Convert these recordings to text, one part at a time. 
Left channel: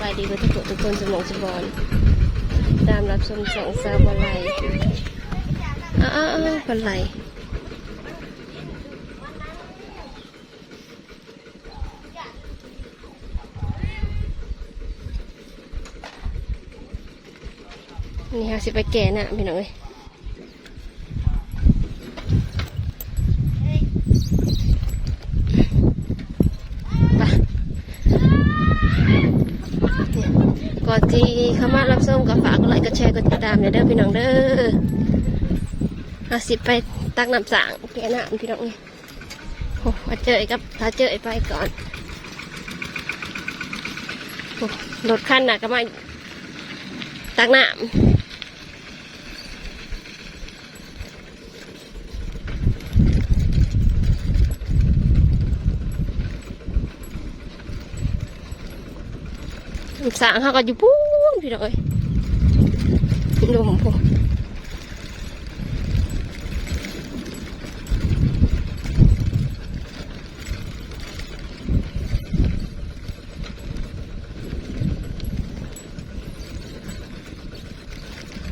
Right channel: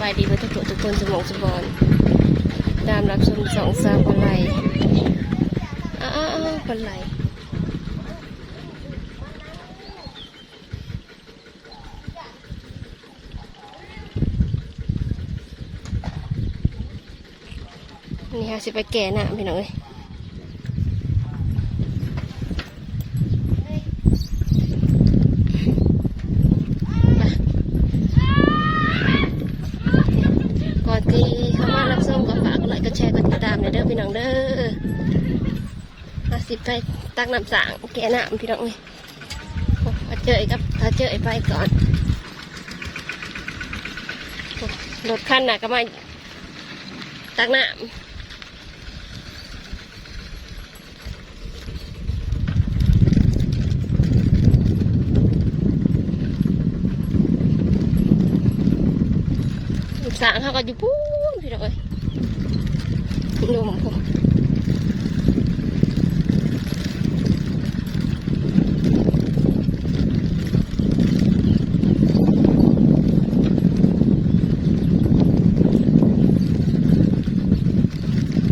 บายดีเพื่อทุกทุกคนสมองสมบอนตามรับชมสองสาวบอลไลอ้าวอ้าวอ้าวบอลไลนี่ค่ะสิไปแก่น่ะพี่น้องเอ้ยก่อนที่ เข้ามารับชมก็ฝากกดไลค์กดแชร์กดติดตามในเด้อพี่น้องเด้ออาสิไปตักน้ำสางแกน่ะพี่น้องเอ้ยโอ้มาเจอกับเราเจอไปก่อนรถคันน่ะก็มาตักน้ำสางเขาก็อยู่ปูน พี่น้องเอ้ยดูผมพู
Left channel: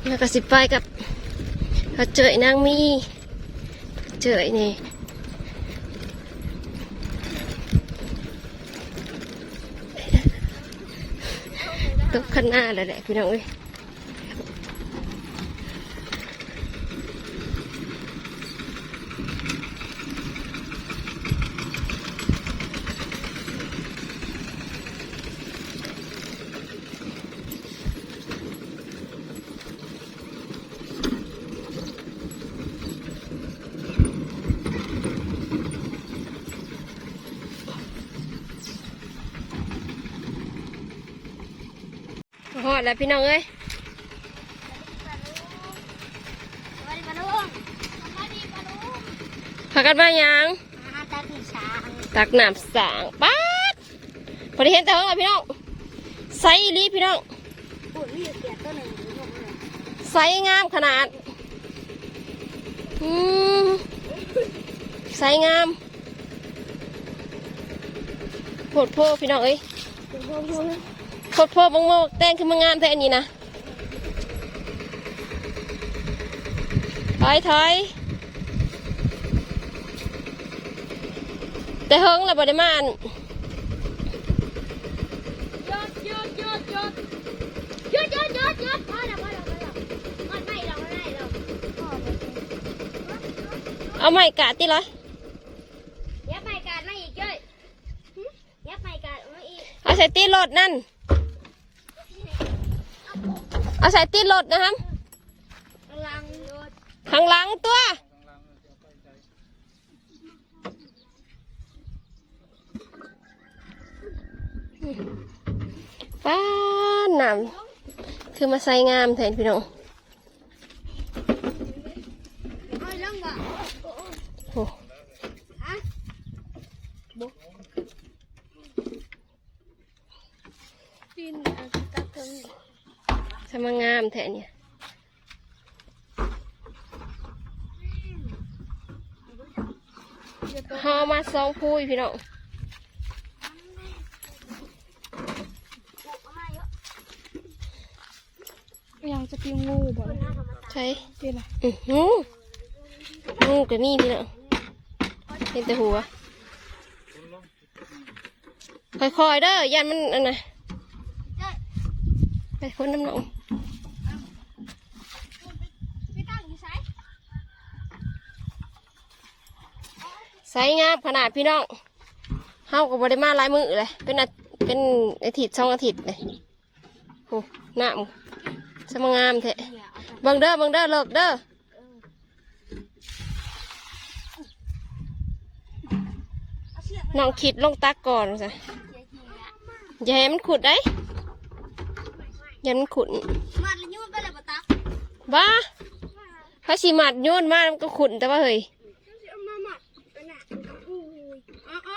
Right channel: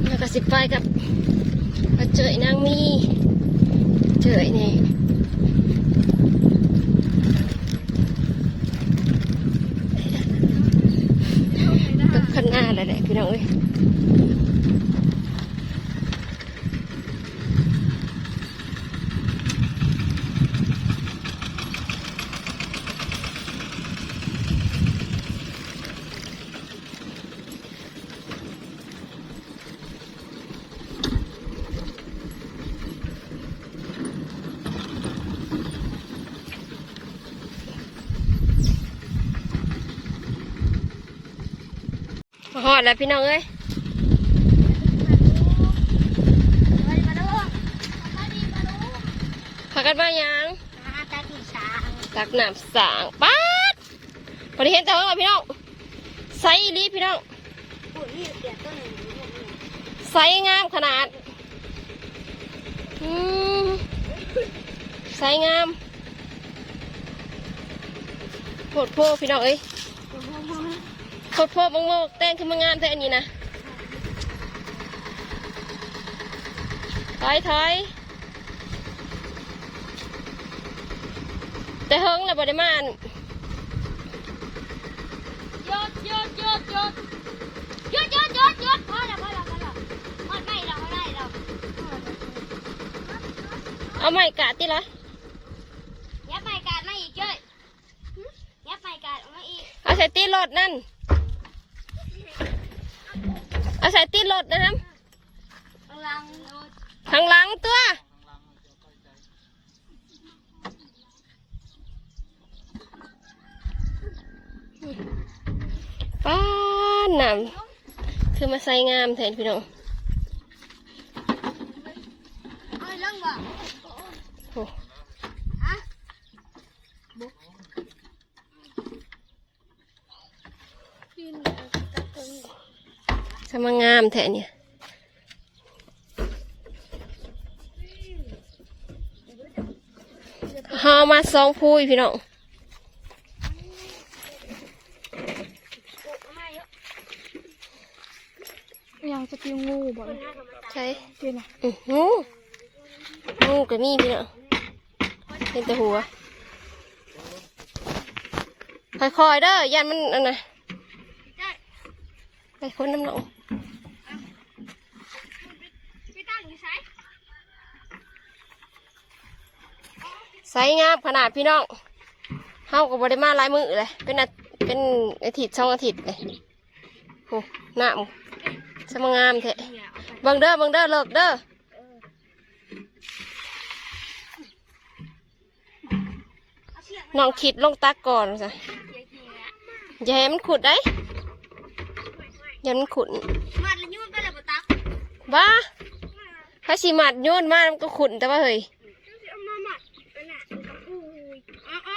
แล้วก็สิไปกับเจอนางมีเจอนี่ ตก ข้างหน้าเลยแหละพี่น้องเอ้ย หอดแล้วพี่น้องเอ้ยพากันมายังตักน้ำสางป๊าดพอดีเห็นแต่ว่าพี่น้องไซส์อีหลีพี่น้องไซส์งามขนาดไซส์งามโพดโพพี่น้องเอ้ย โพดโพบังโมกแต่งขึ้นมางามแท้อันนี้นะถอยถอยแต่เฮิงเลยบไดิมาอันเอาไม้กาดติเลยเอาใส่ตีรถนั่น เอาใส่ตีรถนะครับข้างหลังตัวป้านน้ำคือมาใส่งามแทนพี่น้องโอ้สำแทะเนี่ยเฮามาสองพูยพี่น้องยังจะกินงูบ่ใช่กินอะไรงูงูกับนี่พี่น้องเห็นแต่หัวค่อยๆเด้อยันมันอันน่ะไปพ้นน้ำหนอง พี่ตั้งอยู่ไส ใสงามขนาดพี่น้องเฮากับบริมาหลายมือเลย เป็นอาเป็นอาทิตย์สองอาทิตย์เลยโอ้หน้ามึงสมางามแท้เนี่ยเอาไปเบิ่งเด้อเบิ่งเด้อเลิกเด้อเอาเชือกน้องคิดลงตักก่อนสิเชือกทีละอย่าให้มันขุดได้อย่าให้มันขุดมัดแล้วยุ่นไปแล้วบ่ตักบ้าถ้าสีมัดโยนมามันก็ขุดแต่ว่าเฮ้ย เอามามัดอันน่ะกับอุ้ยอ๋ออ๋อ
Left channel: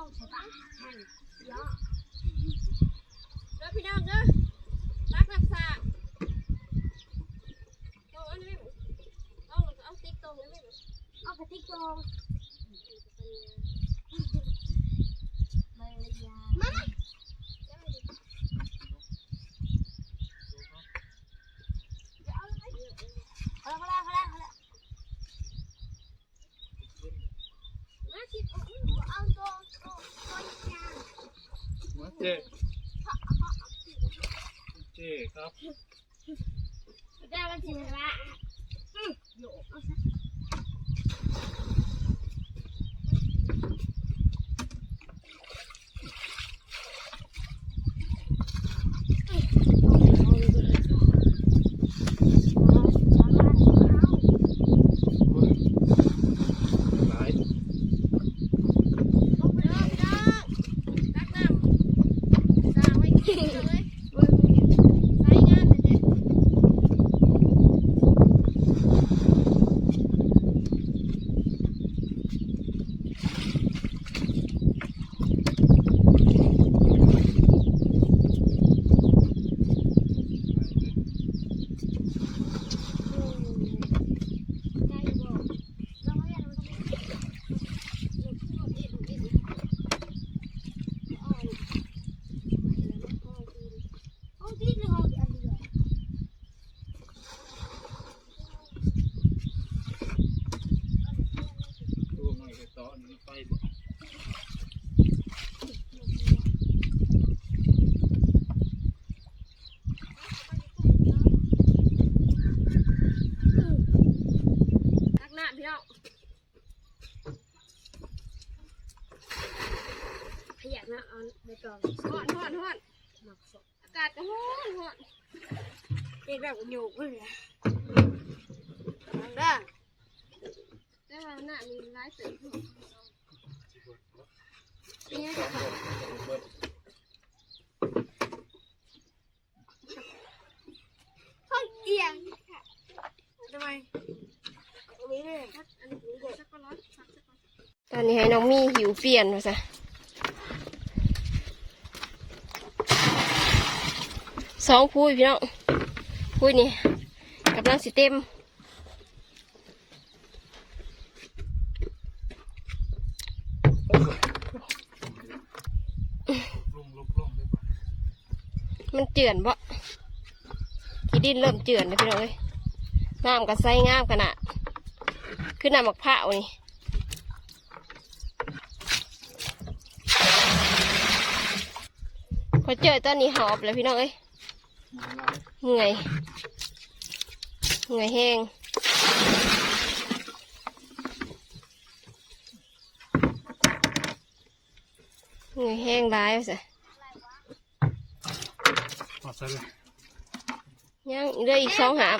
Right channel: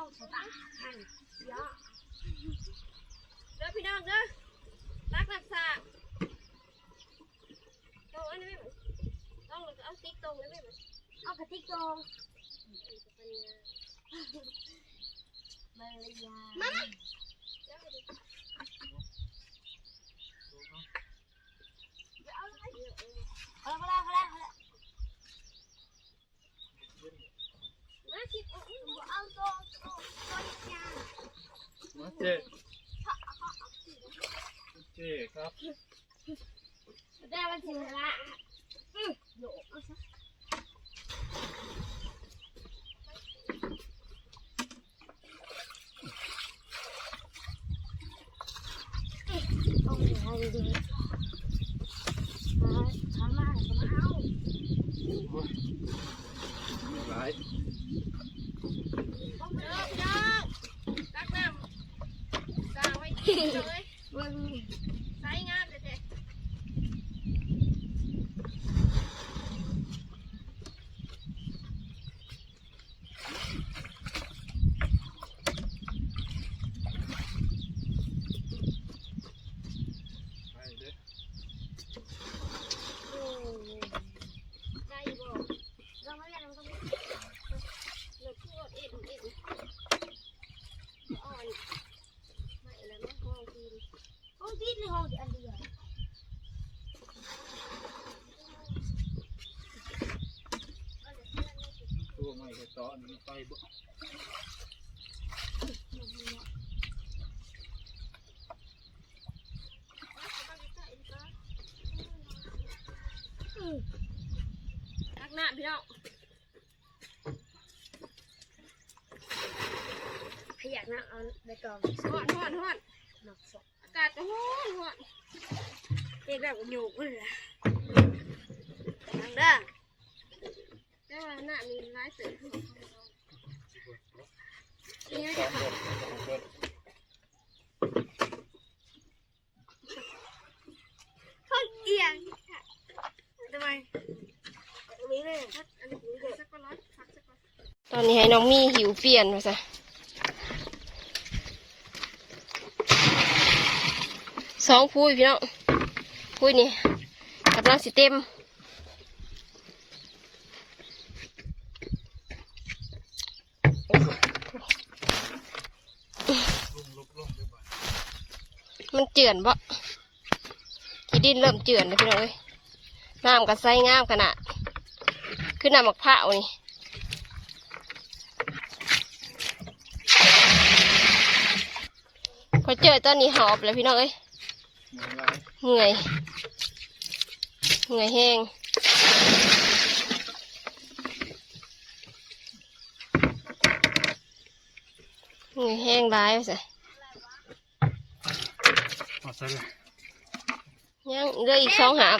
องใช่ปะให้เยอเด้อพี่น้องเด้อรักรักษากตรงอันนี้ไม่เหมือนต้อาเอาติ๊กตรงนี้ไม่เหมือนเอากระติ๊กตรงมารยามาเอาละเอาละเอาละเอาละ มาคิดเอา เอาตรงตรงตรงยา มาเจ๊เจ๊ครับ ได้มาถึงละอืมโยกเอาซะเอาดีๆเอาเอาเอา โอ้ยหลาย เด้อพี่น้องตักน้ำสากไว้ที่เลย เบิ่ง ใช้งานเด็ด หลายเด้อ ใจบ่ลองเรียนมันต้องมี ๆเราพูดเอ็ดเอ็ดอ่อนไม่แล้วมันก็คือ ห้องที่ในห้องอันเดียว ตัวให มันไปบ่ตักน้ำพี่น้องขยักนะเอาใบตองฮอนฮอนฮอนหมักศพอากาศก็ฮอนฮอนเด็กแบบโยกเลยนะทางด้าน แต่ว่าหน้ามีร้ายเสือขึ้นเนี่ยสองเดือนสองเขาเอียงทำไมตรงนี้เลยอันนี้สักก้อนร้อยพักสักก้อนตอนนี้ให้น้องมี่หิวเปลี่ยนมาซะสองพูยพี่น้องพูยนี่กำลังสิเต็ม ลงลงลงเลยบ่ มันเจือนบ่ที่ดินเริ่มเจือนเลยพี่น้องเอ้ยน้ำก็ใสงามขนาดคือน้ำมะพร้าวนี่พอเจอตอนนี้หอบเลยพี่น้องเอ้ยหมือนหลยเหนื่อยเหนื่อยแห้ง เหนื่อยแห้งร้ายสิพอใส่เลยยังเหลืออีกสองหาบ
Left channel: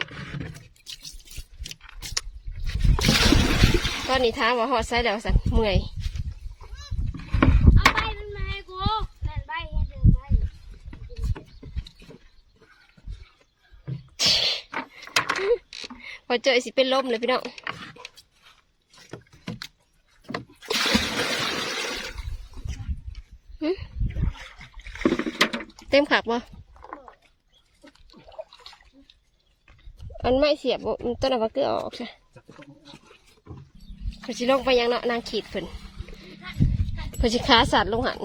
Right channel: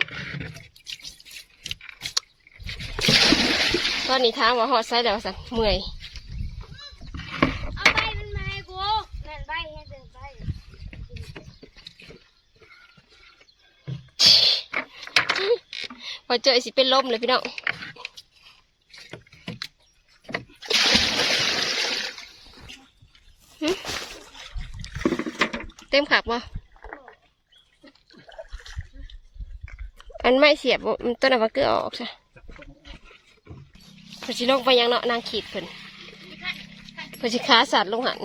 ตอนนี้ทางว่าหอดไซด์แล้วสันเมื่อยเอาใบมันมาให้กูนั่นใบให้เดินใบพอเจอสิเป็นลมเลยพี่น้อง ติมขักบ่อันไม่เสียบบ่มันต้นอะวาเกลือออกใช่จับต้องเพอสิลงไปยังเนาะนางขีดเพิ่นเพอสิขาสัตว์ลงหัน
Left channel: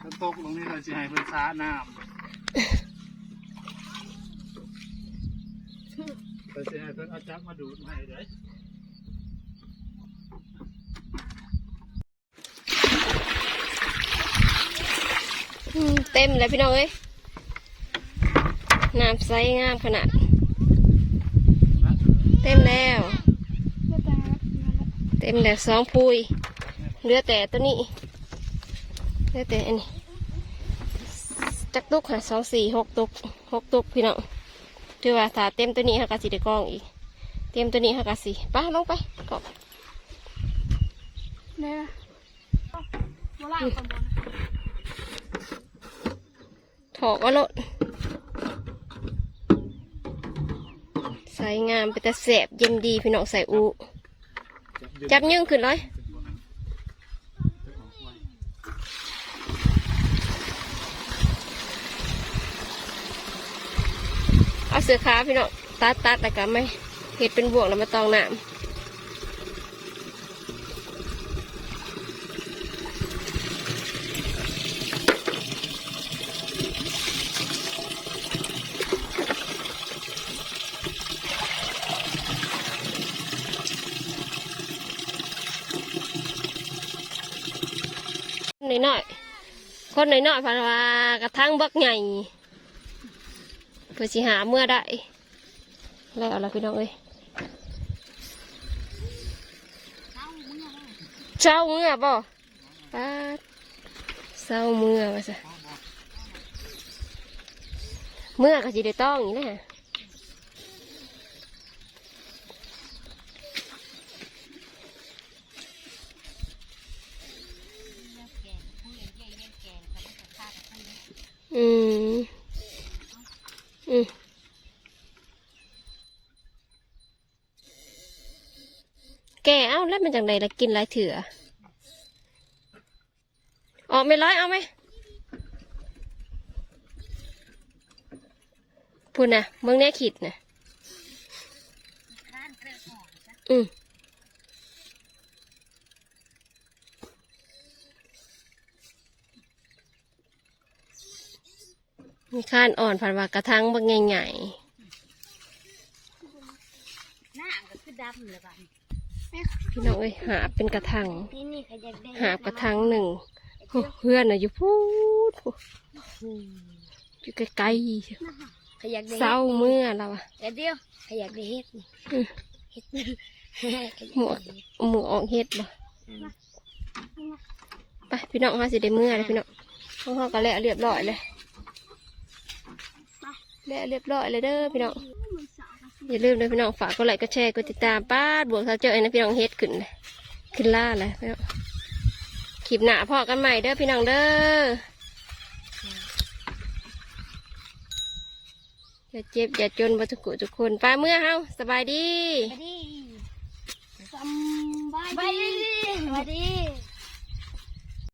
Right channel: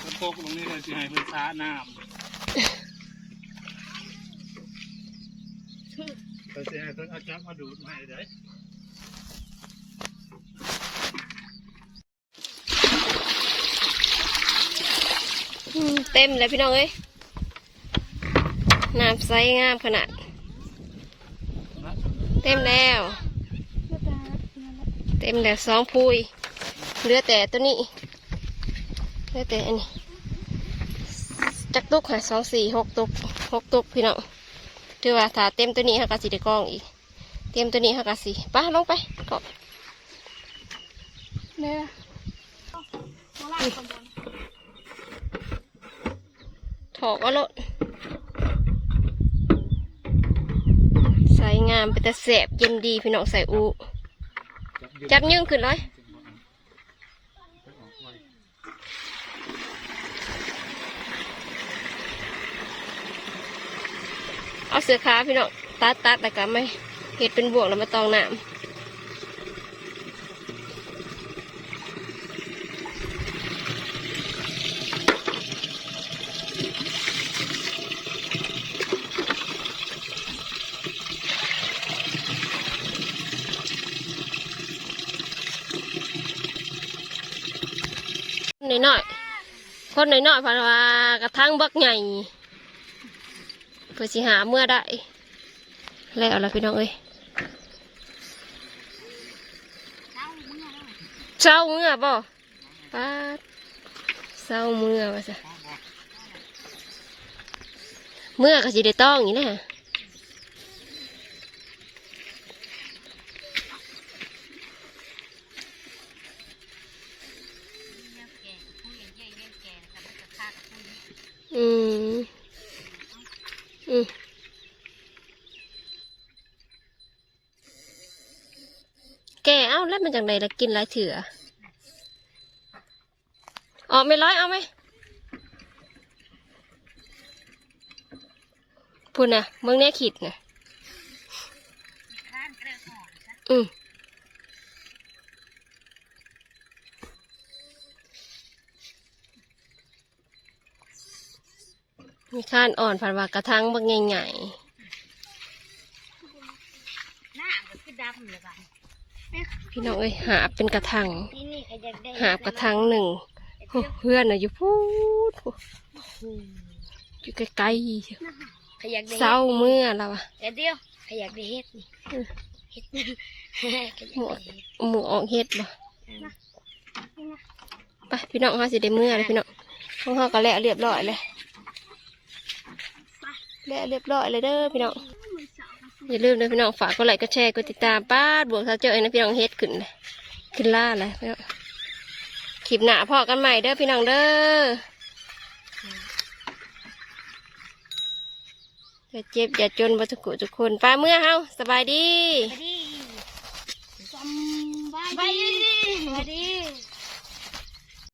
แล้วตกตรงนี้เลยสิให้เพิ่นซาน้ำเพิ่นสิให้เพิ่นเอาจักมาดูดมาให้ได้ เต็มเลยพี่น้องเอ้ยน้ำใสงามขนาด เต็มแล้ว เต็มแล้วสองพูยเหลือแต่ตัวนี้เหลือแต่อันนี้จักตุกค่ะสองสี่หกตุกหกตุกพี่น้องถือว่าถ้าเต็มตัวนี้ค่ะก็สิได้กล้องอีก เตรียมตัวนี้ค่ะกะสิป้าลงไปกบเนี่ย ถอกเอาโลดใส่งามไปแต่แสบเย็นดีพี่น้องใส่อูจับยื่งขึ้นเลยเอาเสือขาพี่น้องตัดตัดแต่ก็ไม่เห็ดเป็นบวกแล้วมาตองน้ำ น่อยน่อยๆคนน่อยน่อยๆพราะว่ากระทั่งบักใหญ่เพื่อสิหาเมื่อได้แล้วล่ะพี่น้องเอ้ยเจ้าเมื่อบ่ป้าเจ้าเมื่อว่าสิเมื่อก็สิได้ต้องอย่างนี้แหละอืมอืม แกเอ้าแล้วมันจังไดล่ะกินหลายเถื่อออกไม่ร้อยเอาไหมพูดนะมึงแน่ขิดนะอืมมีข้านอ่อนผันว่ากระทั่งบางใหญ่หน้าก็คือดำเลยบ้างๆ พี่น้องเอ้ยหาเป็นกระทังนี่นี่ขยักได้หาบกระทังหนึ่งโอ้เพื่อนน่ะอยู่พูดโอ้อยู่ไกลขยักได้ๆเศร้าเมื่อเราอะเดี๋ยวเดียวขยักได้เฮ็ดนี่อืมเฮ็ดหมวกหมูออกเฮ็ดบ่ไปพี่น้องเขาสิได้เมื่อเลยพี่น้องของเขาก็แล้วเรียบร้อยเลยแล้วเรียบร้อยเลยเด้อพี่น้อง อย่าลืมนะพี่น้องฝากกดไลค์กดแชร์กดติดตามป้าดบวกเขาเจอไอ้นะพี่น้องเฮ็ดขึ้นเลยขึ้นล่าเลยพี่น้องคลิปหน้าพอกันใหม่เด้อพี่น้องเด้ออย่าเจ็บอย่าจนบัทุกกุทุกคนป้าเมื่อเฮาสบายดี สบายดีสบายดี